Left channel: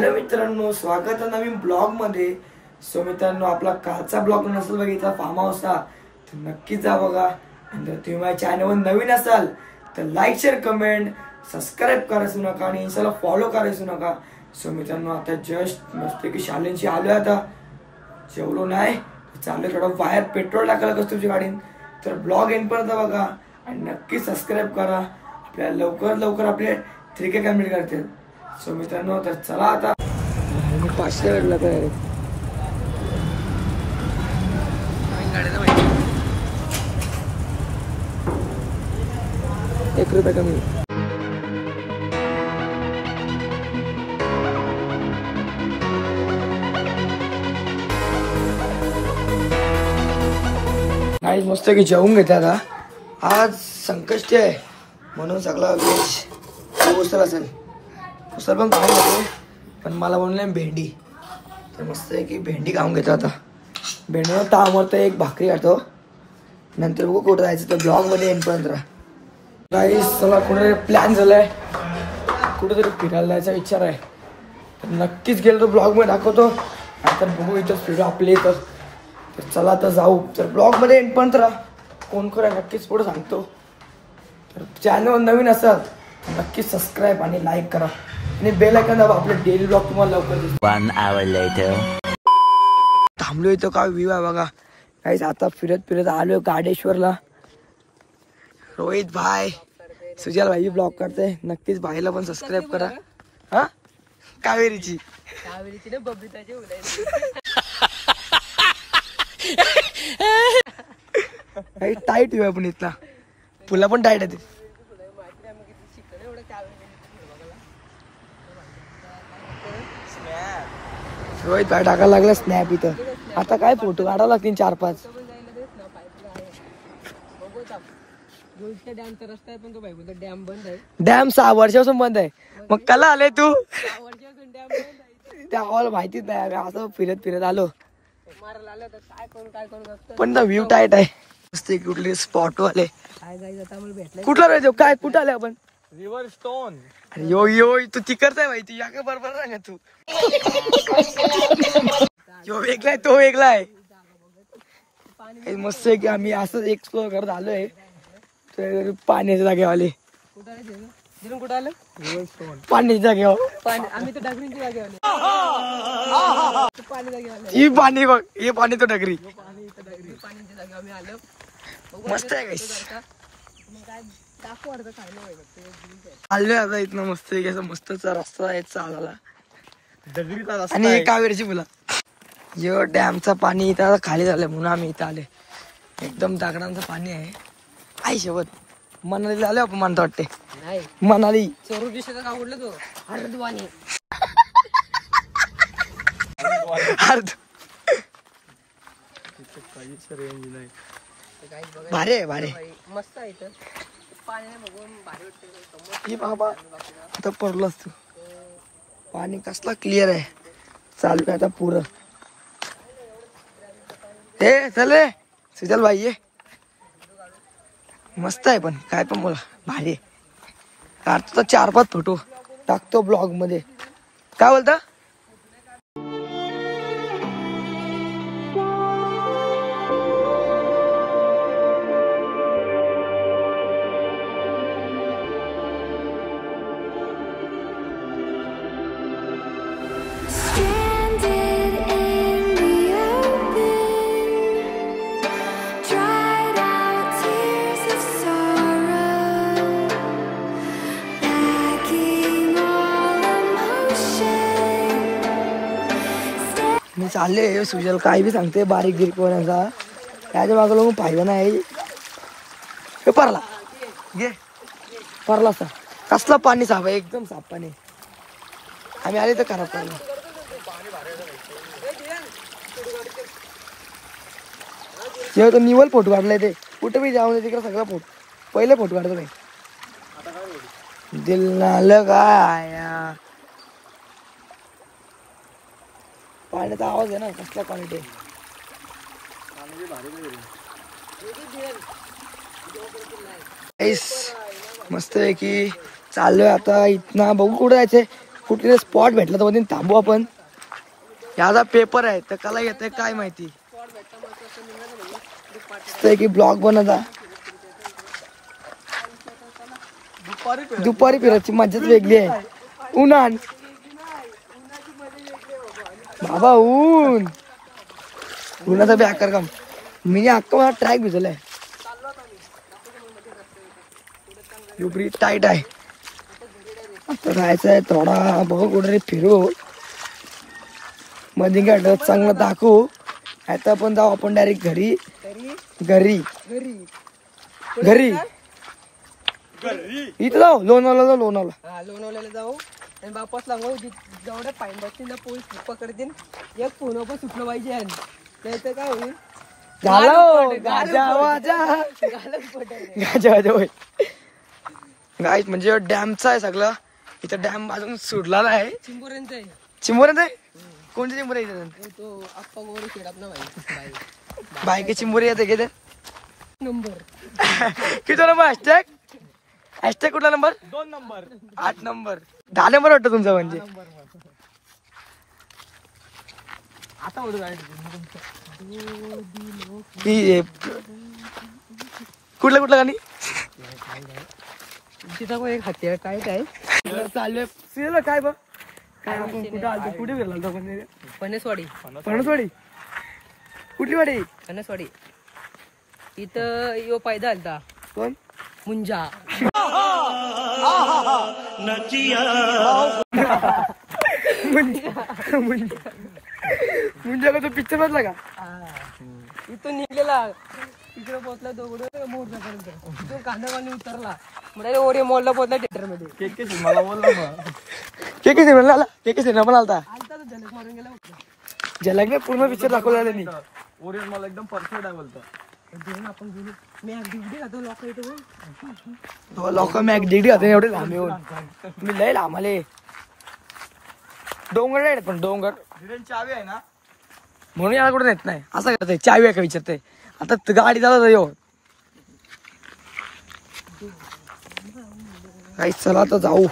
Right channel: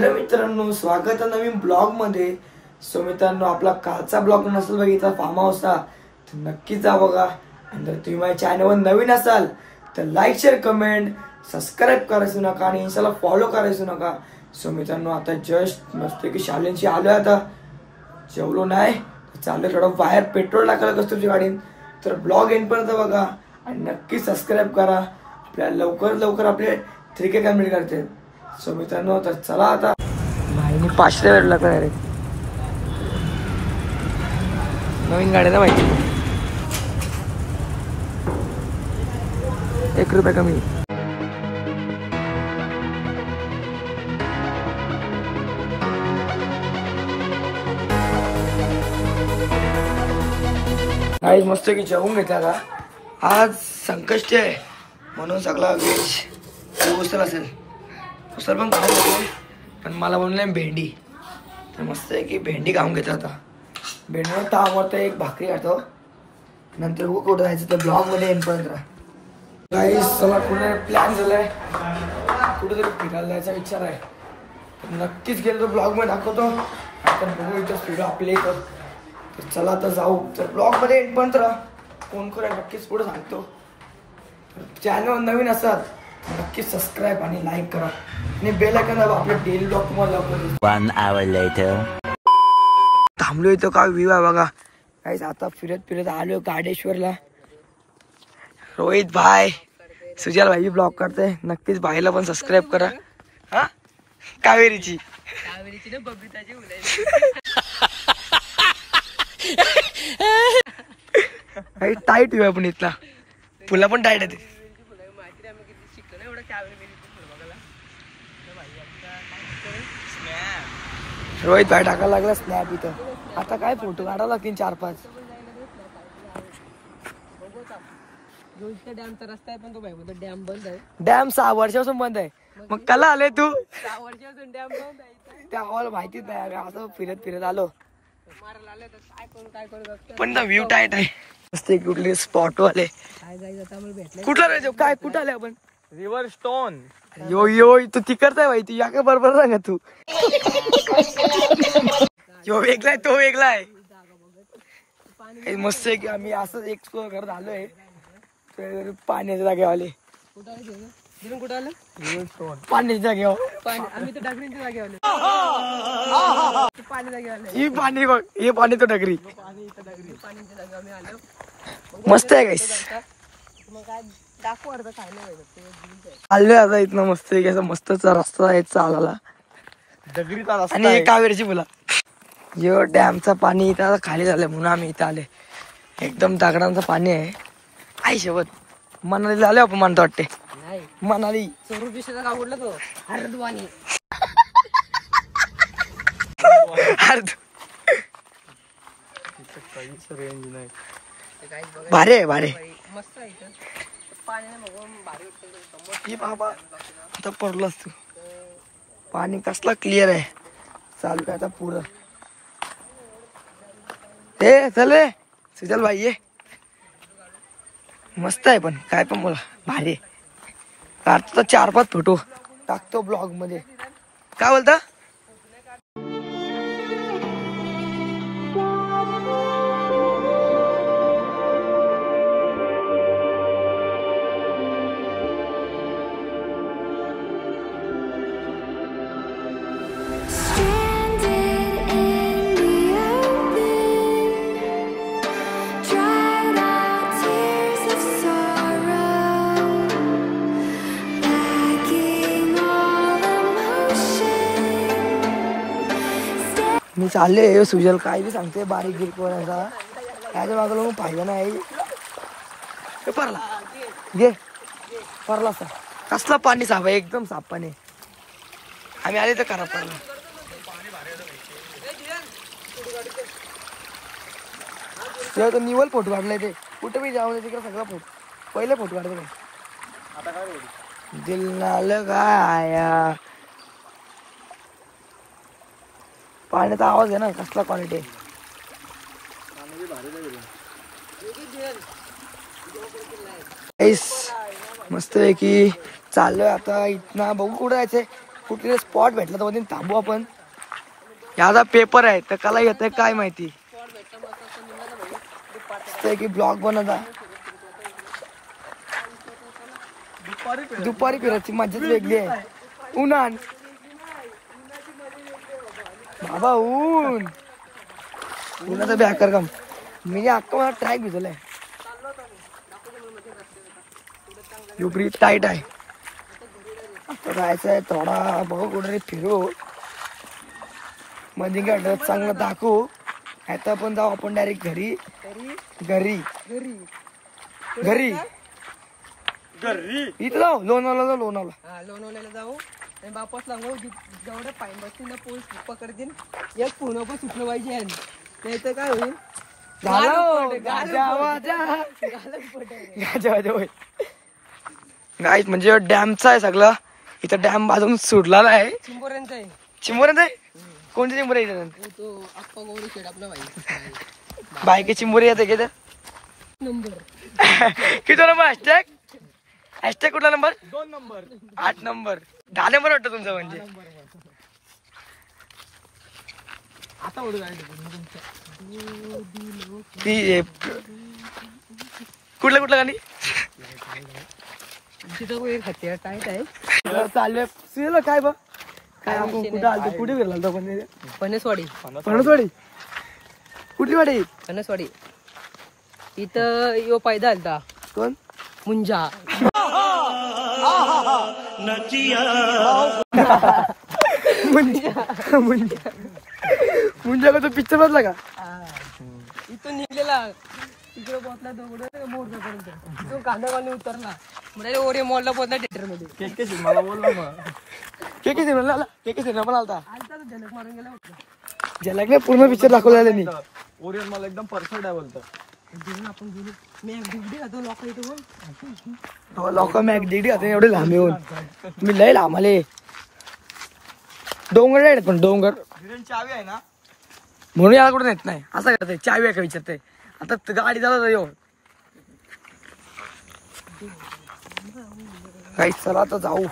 Hello मित्रांनो, स्वागत आहे नवीन ब्लॉग मध्ये। सो मित्रांनो, आपला कालचा ब्लॉग नसेल बघितला फार्म हाऊसचा तर नक्कीच जा बघा। आणि जर तुम्ही माझ्या चॅनलवर नवीन असाल तर लाईक शेअर कमेंट सबस्क्राईब करायचं नका आणि इंस्टाला फॉलो करायचं नका। सो मित्रांनो, आता जस्ट मस्त की शालेंची आलोय, आता जेवलो नाही चाललोय थोडं बाहेर पेट्रोल टाकायला कस्तुरची गाडीत। तर ब्लॉग एंड पर्यंत बघा आणि नक्की सबस्क्राईब करा। आपल्याला लवकर आपले 3K कम्प्लीट करते। सो मित्रांनो, तर चला आता भाईने 500 वेळ लागला रे नवीन गाड्याला माहिती 1 रुपया कमी। आज मस्त की जेवून घेतला। आज संकष्टी आहे म्हणून सगळा व्हेज उसळ असेल। उसळ पण खाऊन घेतो, पण मला म्हणले भेंडी, तर मस्त आहे की भेंडी खाऊन घेतो। आता भेंडी तामवतो, एक भाकरी खातो, नंतर बघू कुठं जायचं तर ब्लॉग मध्ये एंड गाईस। चला पुढे प्लॅन झालाय, कुठेतरी फिरायला जायचा विचार आहे, तर नक्कीच गेलो तर ब्लॉग मध्ये दाखवतो। आता बघू इथं फिरू आपले तर चला आता जाऊ। तर ब्लॉग मध्ये एंड पर्यंत राहा, कोण आहे नक्कीच पुढे सांगतो। तर चॅनल नवीन असाल नक्की सबस्क्राईब आणि लाईक करा आणि बेल आयकॉन दाबा, आपले डेली ब्लॉग तुम्हाला लवकर दिसेल। 1 hour later थांबलो इथं काय व्ह्यू आहे बघा गाईस। आता फिरत आलोय गाडेश्वरला। रोहित भाई सुजल भाई ब्लॉग करते, नक्कीच भाईला पण सबस्क्राईब करा। हा कावेरीची ना बबिताची टाईट व्ह्यू आहे पण इथला, फुला पण टाईट आहे। रोहित भाई टाकायला लागला स्नॅप इथं। आता काय फोटो काढावं लागतील 4-5। डॅमचा रस्ता आहे पण तो भाई बोलतो डॅम बंद आहे। डॅम 6 वर्षापासून बंद आहे, मग कला आले तू? 6 वर्षापासून डॅम बंद आहे, त्या हॉल माहितीच नाही। आम्ही असं फिरत आलो, मारायला आलं तर काय करू पण ना व्ह्यू टाईट आहे मस्त। कुठले स्पॉट वाले काय जायचं आता आम्हाला भेटलं। कुठला राहायचो काय कुठं आले आपण? River stone. यो तू तिकडचा आहे भाई, तू या का बरोबर सांगा तू। यो वेगळा आहे तो वेगळा आहे। मस्त आहे की आम्ही असंच एक्सप्लोर करत आलोय तर पाण्याच्या जागेवाले कुठं आलं पाण्याच्या जागेवर आम्ही तर डगरींच्या जागेवर पाणी जागेवर ही पाणी बघ, हे पाणी तो डगरी पाण्याच्या जागेवर आम्ही आलो। मस्त आहे गाईस। मग काय दाखव अर्ध खायला आलोय आता इथनं मस्त आहे की असं मस्तचा रस्ता आहे चालायला आणि हे कावेरीची मुला। यो डॅमचं पाणी इथं आता खाली झालंय म्हणून आम्ही इथं आले। एकदम दगडांचं पाणी आहे। आई शेवट मनाली आले आपण म्हणतो वाटते मनाली चोरू दिशेला का उडला तो हरद्वानी भारे मस्त आहे पाणी बघून भारी बाबा आता पडलास तू। पाणी कसला क्लिअर आहे, चालू आहे आता पुरं। हे चल सुजल भाई ये मस्त आहे, पण काय पण बोला भारी काढतो 4-5 फोटो टाकतो ब्लॉग मध्ये। काय बोलता? मी चालले सुजल काय बी सांगते बारीक गिर कोणाचा त्याच्या बाजूला मग पाहिजे नाही परला घे परला सर कसला पाणी साफ आहे, एकदम साफ पाणी। आम्ही आले तर खराब पडला। तर निवल फोटो काढलाय ते कुठं बी जाऊन तिकडे सगळा फोटो पहिले फोटो काढतो काय दिल ना काय पाण्याचा आवाज आहे ना कसला क्वालिटी आहे। मस्त आहे की चाललोय आता इथनं बघू कुठं जायचंय कुठे स्पॉट भेटला तर मध्ये थांबू आपण. याचा पेपर आहे तर कला घेत काय माहिती की ब्लॉग बनवता दुपारी फिरायची मजाच वेगळी आहे. उन्हान बाबा उन्हाचा बेकार काम. मी अक्का मला ट्रॅक भिजलाय. युपरी टाईट आहे. जायचंय थोडा बघू कुठे फिरू मध्ये काय चांगलं दाखवू. आता आपण जाऊ आपण डायरेक्ट घरी घरी घरी इथं जाऊ लोणावळा लोणावळ्याला जाऊ आणि वापस लागू. जेवढ्या फाईन बसतील पोलीस पकडतील. एक फोन पण सुटलं पाहिजे. त्याचं काय होईल गाईत म्हणजे डॅमचा आहे सगळं. इथं डॅम बाजून सुटलेला आहे. चिंबोऱ्यांचा आहे. कोणते चिंबोरे तो अप्पा गोरे शेड आपला बायके चिंबोरी येते की नंबर किती नंबर हॅशटॅग हॅशटॅग कुठला नंबर 2 नंबर 8 नंबर 10 नंबर वाटतं तुमचा म्हणजे. आता उडून कुठलं गाणी तिथं काय काय चालू काय बघ काय आपण कुठं आलतो कुठे फिरला आपण फणसवाडी कुठली वाडी फणसवाडी इथं यो पायदा आलता कोण मुंजा मुंजा का तो पिक्चर बसला का इथून निघलेला तिकडे पोहोचला तो मोर्चापर्यंत. तो कांदावाली उतरला म्हणजे ओरे मॉलला पोहोचला थिएटर मध्ये. के सिनेमा पण आलता तो झलक मारून गेला होता. झलक पूर्ण पिक्चर दाखवलेला मी. ओरियन मला एकदम परफेक्ट आहे बोलतो. आपण गेलो मी अगदी खातो लोक इथे लोक मॅक डिडी खातो एवढे लांब मी लय लांब आले. डोंगर आहे पण डोंगर चावी आहे ना म्हणून याला कुठे नेत नाही. असं करतोय चावी आहे का विचारतोय. आता गाडी चालत येऊ काही चला तर जाऊ.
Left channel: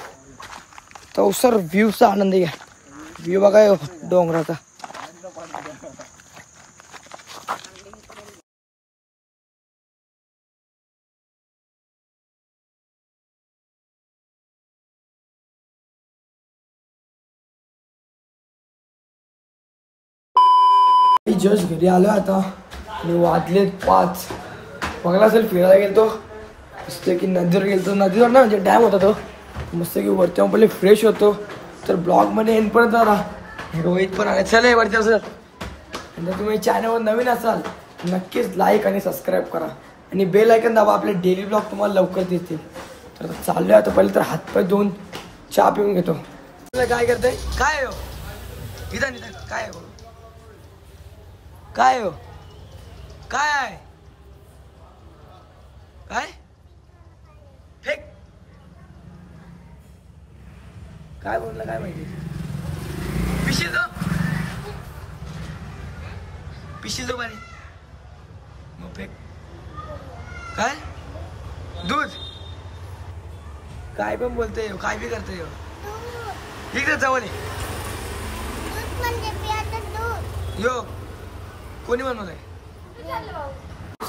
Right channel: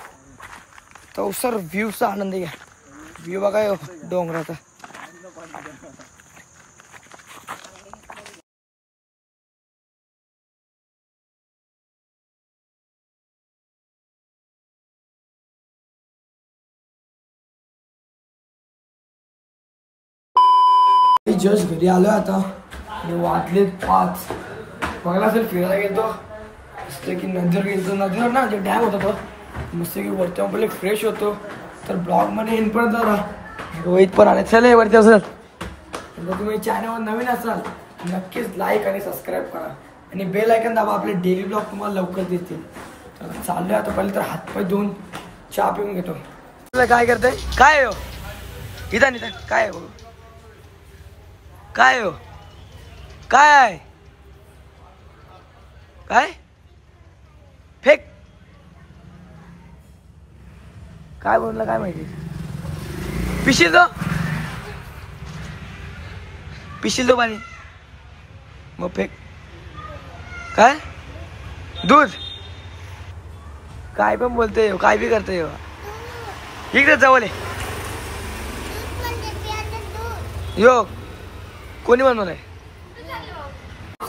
तो सर व्ह्यूचा आनंद घ्या. व्ह्यू बघा डोंगराचा. जस्ट घरी आलोय आता आणि वाजले 5. मला असेल फिरायला गेलतो मस्त की नदीवर गेलतो. नदीवर नाही म्हणजे डॅम होता तो. मस्त की वरती पहिले फ्रेश होतो. तर ब्लॉग मध्ये एंड परत जाणार रोहित पण आले. चल वरती असेल तुम्ही चॅनलवर नवीन असाल नक्कीच लाईक आणि सबस्क्राईब करा आणि बेल आयकॉन दाबा. आपले डेली ब्लॉग तुम्हाला लवकर दिसतील. तर चाललोय आता. पहिले तर हातपाय धुवून चहा पिऊन घेतो. काय करते काय हो इथं काय हो काय हो काय काय फेक काय बोलला काय माहिती. पिशील तो पाणी मग फेक काय दूध काय पण बोलते काय बी करते इकडे जवळ यो कोणी बनवलंय.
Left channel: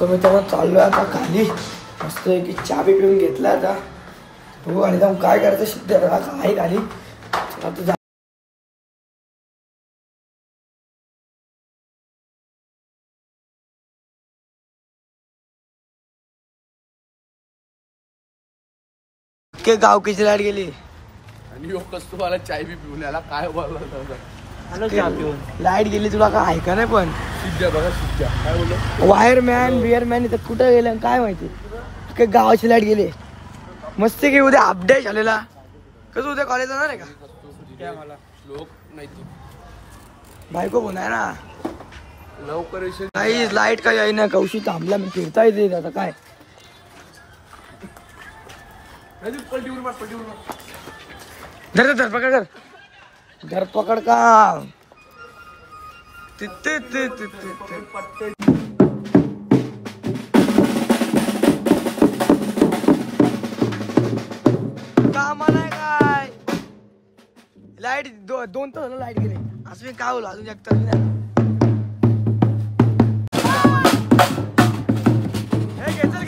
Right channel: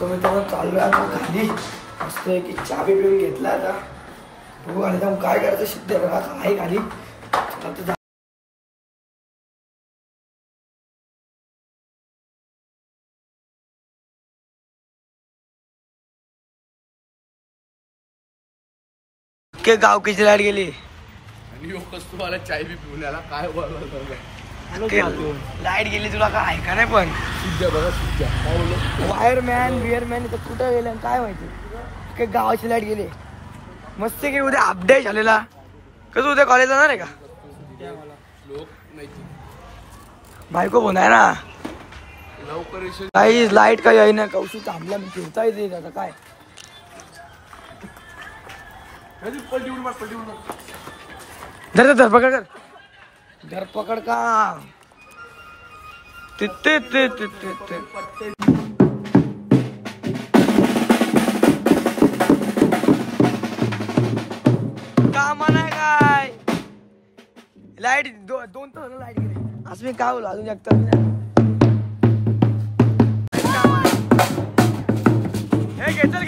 मी तेव्हा चाललोय आता खाली मस्त की चहा पिऊन घेतला आता. एकदम काय करायचं सिद्ध आहे खाली. गावकीची लाईट गेली. तुम्हाला चाय बी पिऊन याला काय बोलला लाईट गेली तुला काय आहे का नाही. पण बघा काय बोललो वायरमॅन बिअरमॅन इथं कुठं गेले काय माहिती. गावाची लाईट गेली. मस्त की उद्या अपडेट झालेला. कसं उद्या कॉलेज जाणार आहे का बायको फोन आहे ना लवकर काही लाईट काही आहे ना. कौशी थांबला मी फिरता येते आता काय धरपकड कर धरपकड का कामा नाही काय लाईट 2 तास लाईट गेली. असं मी काय बोलू अजून एकतर मी नाही. हे घेचल